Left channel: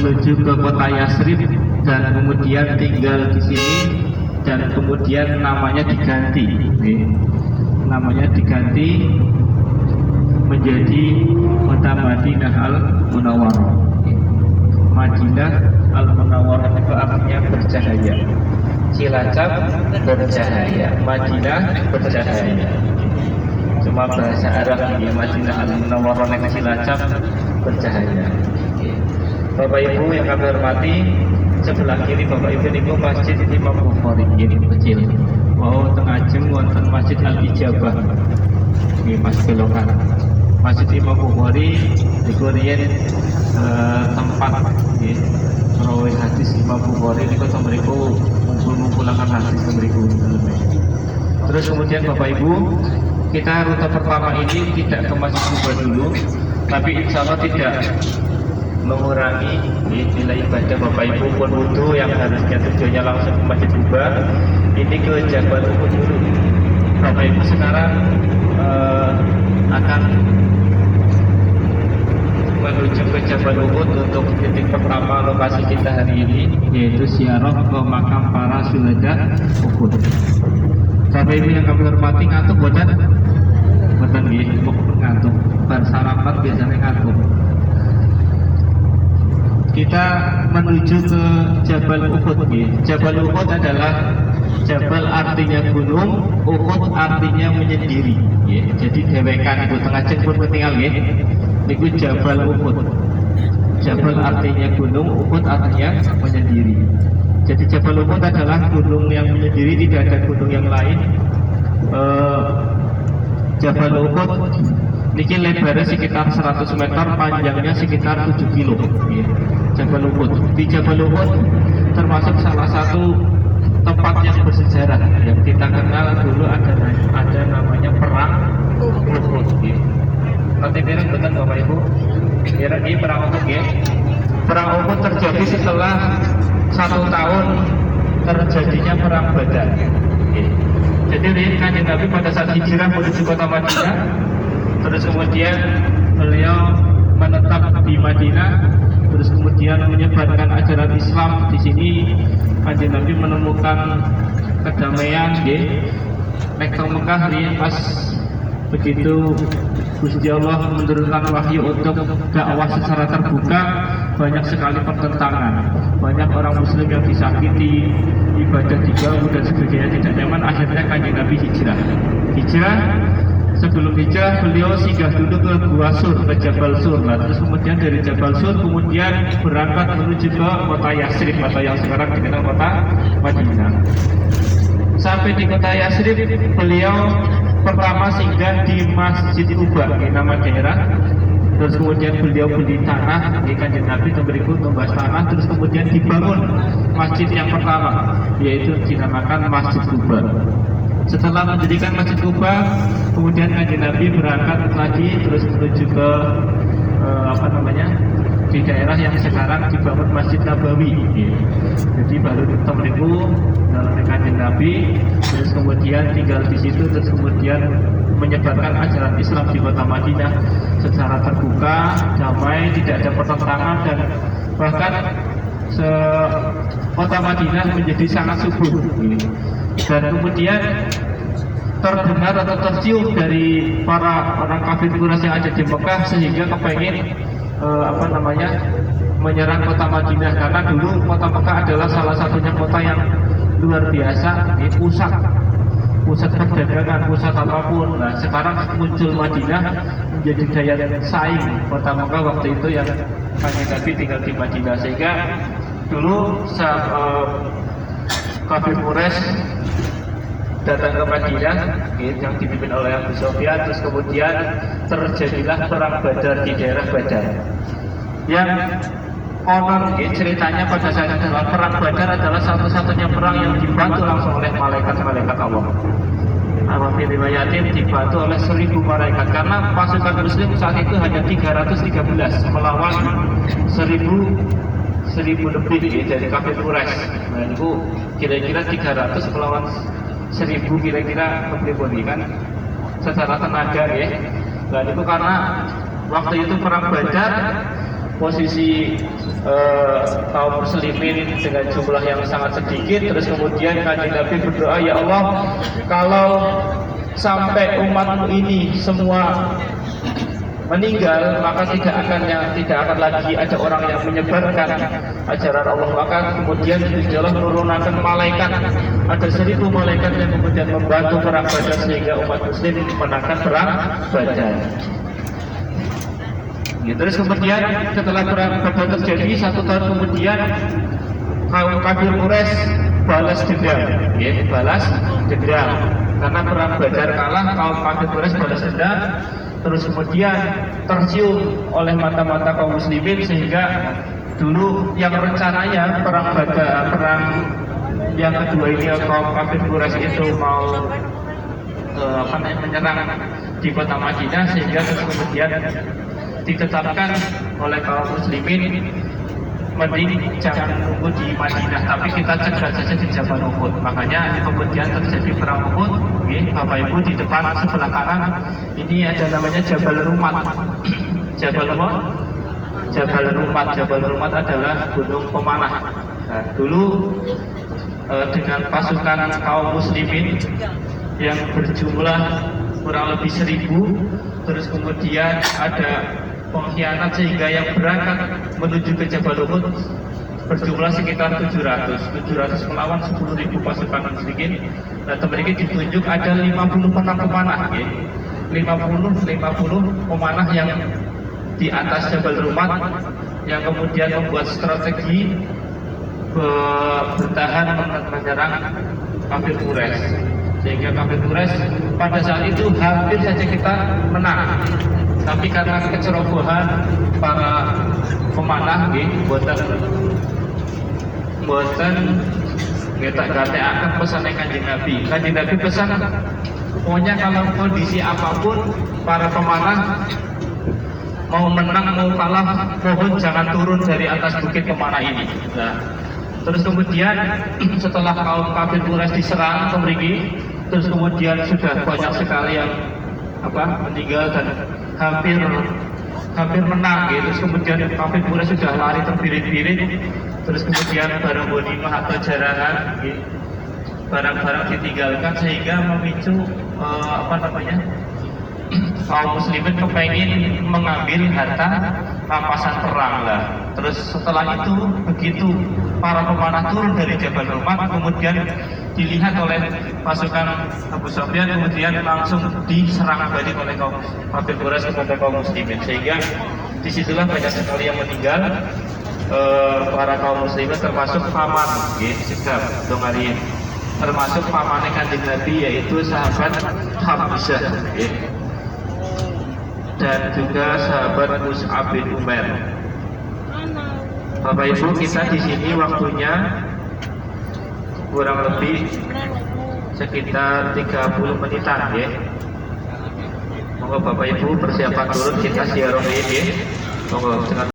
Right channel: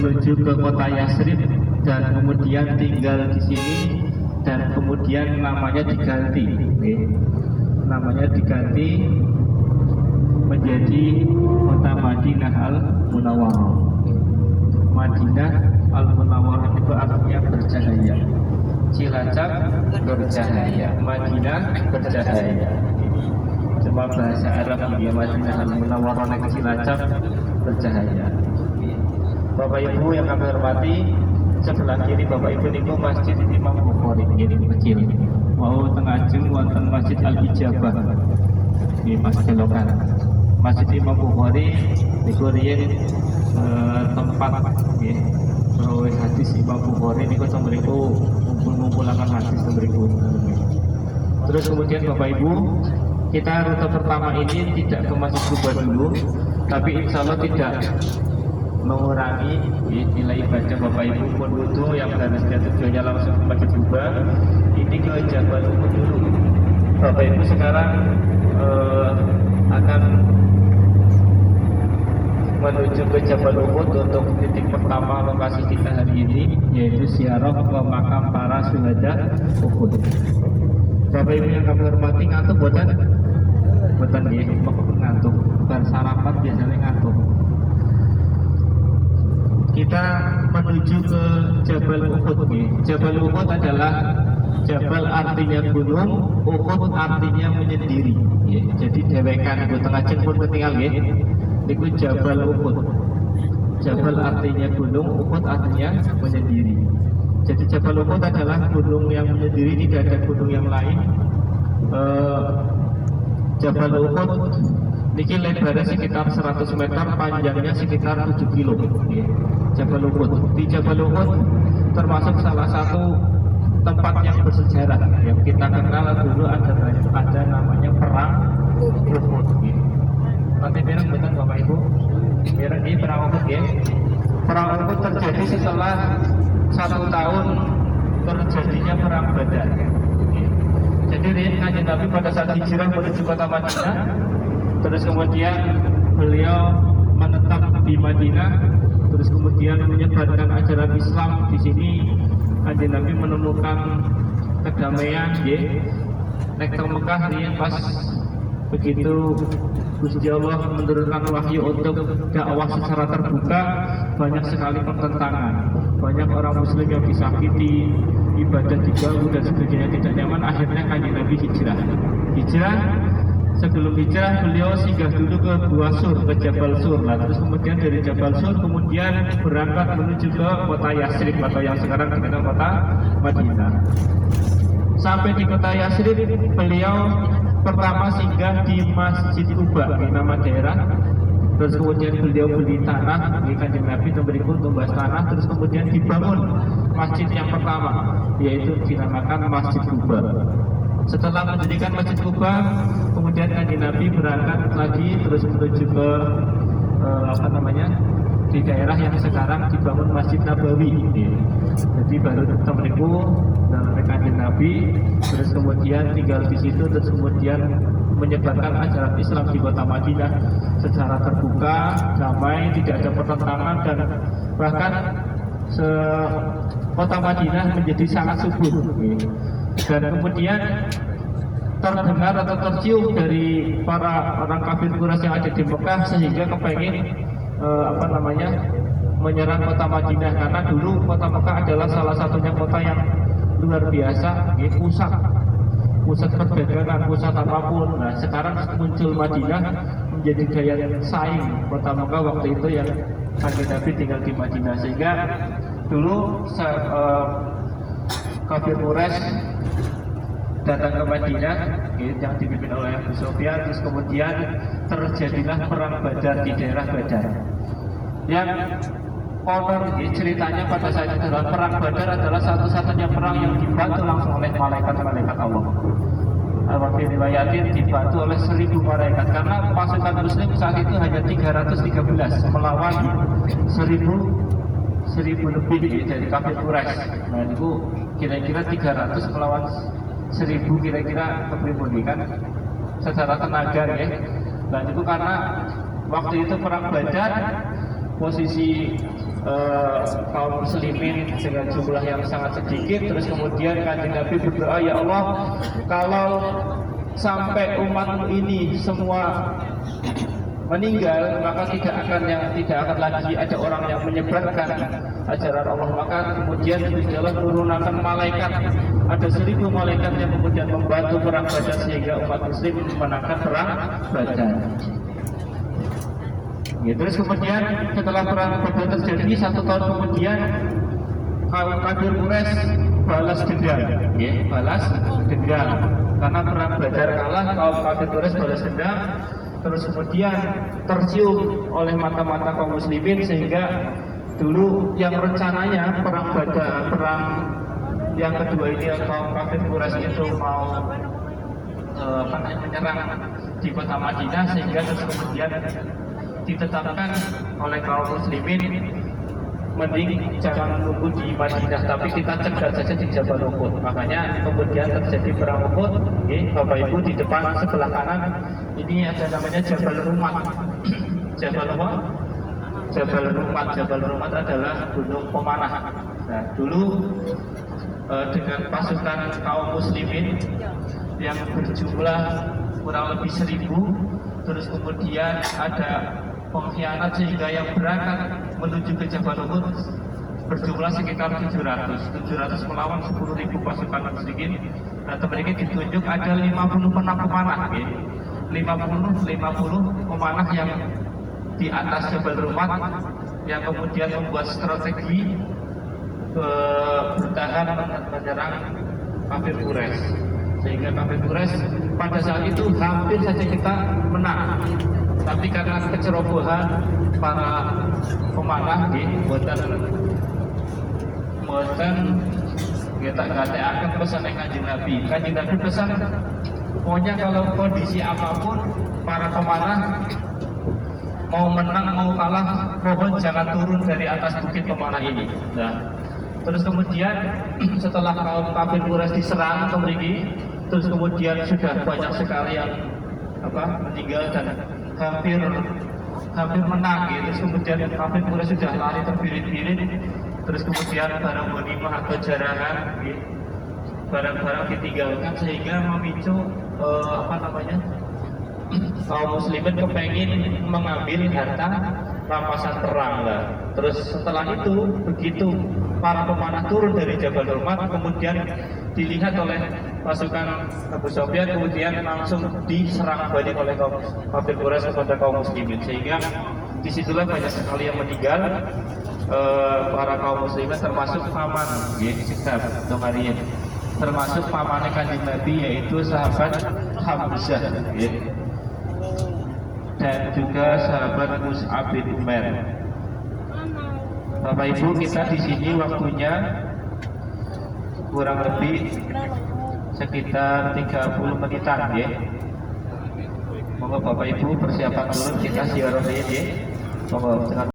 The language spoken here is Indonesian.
menuju ke kota Yasrib dan kemudian tinggal di sini dan kemudian namanya diganti, namanya diganti menjadi kota Madinah Al-Munawwarah. Madinah Al-Munawwarah itu artinya bercahaya. Cilacap bercahaya, Madinah bercahaya. Cuma bahasa Arab ya, Madinah Al-Munawwarah nek Cilacap bercahaya. Bapak Ibu yang kami hormati, sebelah kiri Bapak Ibu niku Masjid Imam Bukhari kecil. Wow, tengah jeng wonten Masjid Al-Ijabah. Ini Mas belokan. Masjid Imam Bukhari niku riyen tempat nggih rawuh hadis Imam Bukhari niku mriku ngumpul-ngumpulaken hadis mriku daleme. Terus kemudian Bapak Ibu, kita rute pertama ini tidak ke Masjid Kuba dulu, tapi insya Allah tidak mengurangi nilai ibadah Bapak Ibu pun wudhu yang harusnya tujuannya langsung ke Masjid Kuba, ini ke Jabal Uhud dulu. Bapak Ibu sekarang akan menuju ke Jabal Uhud untuk titik pertama lokasi kita hari ini, yaitu ziarah ke makam para syuhada Uhud. Bapak Ibu yang kami hormati, ngantuk boten? Boten nggih, kok ngantuk. Bar sarapan biasanya ngantuk. Kita menuju ke Jabal Uhud nggih. Jabal Uhud adalah Jabal artinya gunung, Uhud artinya menyendiri. Jadi dewekan ibu tengah jemput ketinggal nggih. Itu Jabal Uhud. Jabal artinya gunung, Uhud artinya menyendiri. Jadi Jabal Uhud adalah gunung yang menyendiri, tidak ada gunung yang lain. Jabal Uhud ini lebarnya sekitar 100 meter, panjangnya sekitar 7 kilo. Jabal Uhud. Di Jabal Uhud termasuk salah satu tempat yang bersejarah yang kita kenal dulu ada namanya perang Uhud. Nanti bilang betul Bapak Ibu. Kira ini perang Uhud ya. Perang Uhud terjadi setelah 1 tahun terjadinya perang Badar. Jadi Kanjeng Nabi pada saat hijrah menuju kota Madinah, terus kemudian beliau menetap di Madinah, terus kemudian menyebarkan ajaran Islam di sini. Kanjeng Nabi menemukan kedamaian, nek ke Mekah ya, pas begitu Gusti Allah menurunkan wahyu untuk dakwah secara terbuka, banyak sekali pertentangan, banyak orang Muslim yang disakiti, ibadah diganggu dan sebagainya tidak nyaman. Akhirnya Kanjeng Nabi hijrah. Sebelum hijrah beliau singgah dulu ke Gua Sur, ke Jabal Sur. Nah, terus kemudian dari Jabal Sur kemudian berangkat menuju ke kota Yasrib atau yang sekarang dikenal kota Madinah. Sampai di kota Yasrib beliau pertama singgah di Masjid Kuba, nama daerah. Terus kemudian beliau beli tanah, Kanjeng Nabi berikut tumbas tanah, terus kemudian dibangun masjid yang pertama, yaitu dinamakan Masjid Kuba. Setelah mendirikan Masjid Kuba, kemudian Kanjeng Nabi berangkat lagi terus menuju ke di daerah yang sekarang dibangun Masjid Nabawi. Jadi baru ditemu dalam Kanjeng Nabi, terus kemudian tinggal di situ, terus kemudian menyebarkan ajaran Islam di kota Madinah secara terbuka, damai, tidak ada pertentangan, dan bahkan kota Madinah menjadi sangat subur. Dan kemudian terdengar atau tercium dari para orang kafir Quraisy yang ada di Mekah sehingga kepengen menyerang kota Madinah, karena dulu kota Mekah adalah salah satunya kota yang luar biasa, pusat perdagangan, pusat apapun. Nah, sekarang muncul Madinah menjadi daya saing kota Mekah waktu itu yang Kanjeng Nabi tinggal di Madinah, sehingga dulu kafir Quraisy datang ke Madinah yang dipimpin oleh Abu Sufyan. Terus kemudian terjadilah perang Badar di daerah Badar, yang konon ceritanya pada saat itu adalah perang Badar adalah satu-satunya perang yang dibantu langsung oleh malaikat-malaikat Allah. Al-Wafi riwayatin dibantu oleh 1000 malaikat, karena pasukan muslim saat itu hanya 313 melawan 1000 lebih dari kafir Quraisy. Nah, itu kira-kira 300 melawan 1000, kira-kira lebih kan secara tenaga ya. Nah, itu karena waktu itu perang Badar posisi kaum muslimin dengan jumlah yang sangat sedikit. Terus kemudian Kanjeng Nabi berdoa, ya Allah, kalau sampai umatmu ini semua meninggal, maka tidak akan lagi ada orang yang menyebarkan ajaran Allah. Maka kemudian Gusti Allah menurunkan malaikat, ada 1000 malaikat yang kemudian membantu perang Badar sehingga umat muslim memenangkan perang Badar. Ya, terus kemudian setelah perang Badar terjadi 1 tahun kemudian, kaum kafir Quraisy balas dendam, ya, balas dendam karena perang Badar kalah, kaum kafir Quraisy balas dendam. Terus kemudian tercium oleh mata-mata kaum muslimin sehingga dulu yang rencananya perang Badar, perang yang kedua ini kaum kafir Quraisy itu mau menyerang di kota Madinah, sehingga kemudian ditetapkan oleh kaum muslimin mending jangan menunggu di Madinah, tapi kita cegat saja di Jabal Uhud. Makanya kemudian terjadi perang Uhud. Bapak Ibu, di depan sebelah kanan ini ada namanya Jabal Rumat. Jabal Rumat adalah gunung pemanah. Nah, dulu dengan pasukan kaum muslimin yang berjumlah kurang lebih 1000, terus kemudian ada pengkhianat sehingga yang berangkat menuju ke Jabal Uhud berjumlah sekitar 700 melawan 10.000 pasukan musyrikin. Nah, mereka ditunjuk ada 50 pemanah, ya. 50 pemanah yang di atas Jabal Rumat yang kemudian membuat strategi bertahan menyerang kafir Quraisy, sehingga kafir Quraisy pada saat itu hampir saja kita menang. Tapi karena kecerobohan para pemanah, buatan kita akan pesan Kanjeng Nabi. Kanjeng Nabi pesan, pokoknya kalau kondisi apapun para pemanah mau menang mau kalah, mohon jangan turun dari atas bukit pemanah ini. Nah, terus kemudian setelah kaum kafir Quraisy diserang terus kemudian sudah banyak sekali yang meninggal dan hampir menang, gitu. Terus kemudian kafir Quraisy sudah lari terbirit-birit. Terus kemudian barang ghanimah atau jarahan, gitu, barang-barang ditinggalkan sehingga memicu kaum muslimin kepengen mengambil harta rampasan perang lah. Terus setelah itu, begitu para pemanah turun dari Jabal Rumat, kemudian dilihat oleh pasukan Abu Sufyan, kemudian langsung diserang balik oleh kaum kafir Quraisy kepada kaum muslimin, sehingga disitulah banyak sekali yang meninggal, para kaum muslimin, termasuk paman, sikap dongari, termasuk pamannya Kanjeng Nabi, yaitu sahabat Hamzah, dan juga sahabat Mus'ab bin Umair. Bapak Ibu, kita di sini waktunya kurang lebih sekitar 30 menitan, ya. Monggo Bapak Ibu persiapan turun, kita siaran ini, ya. Monggo.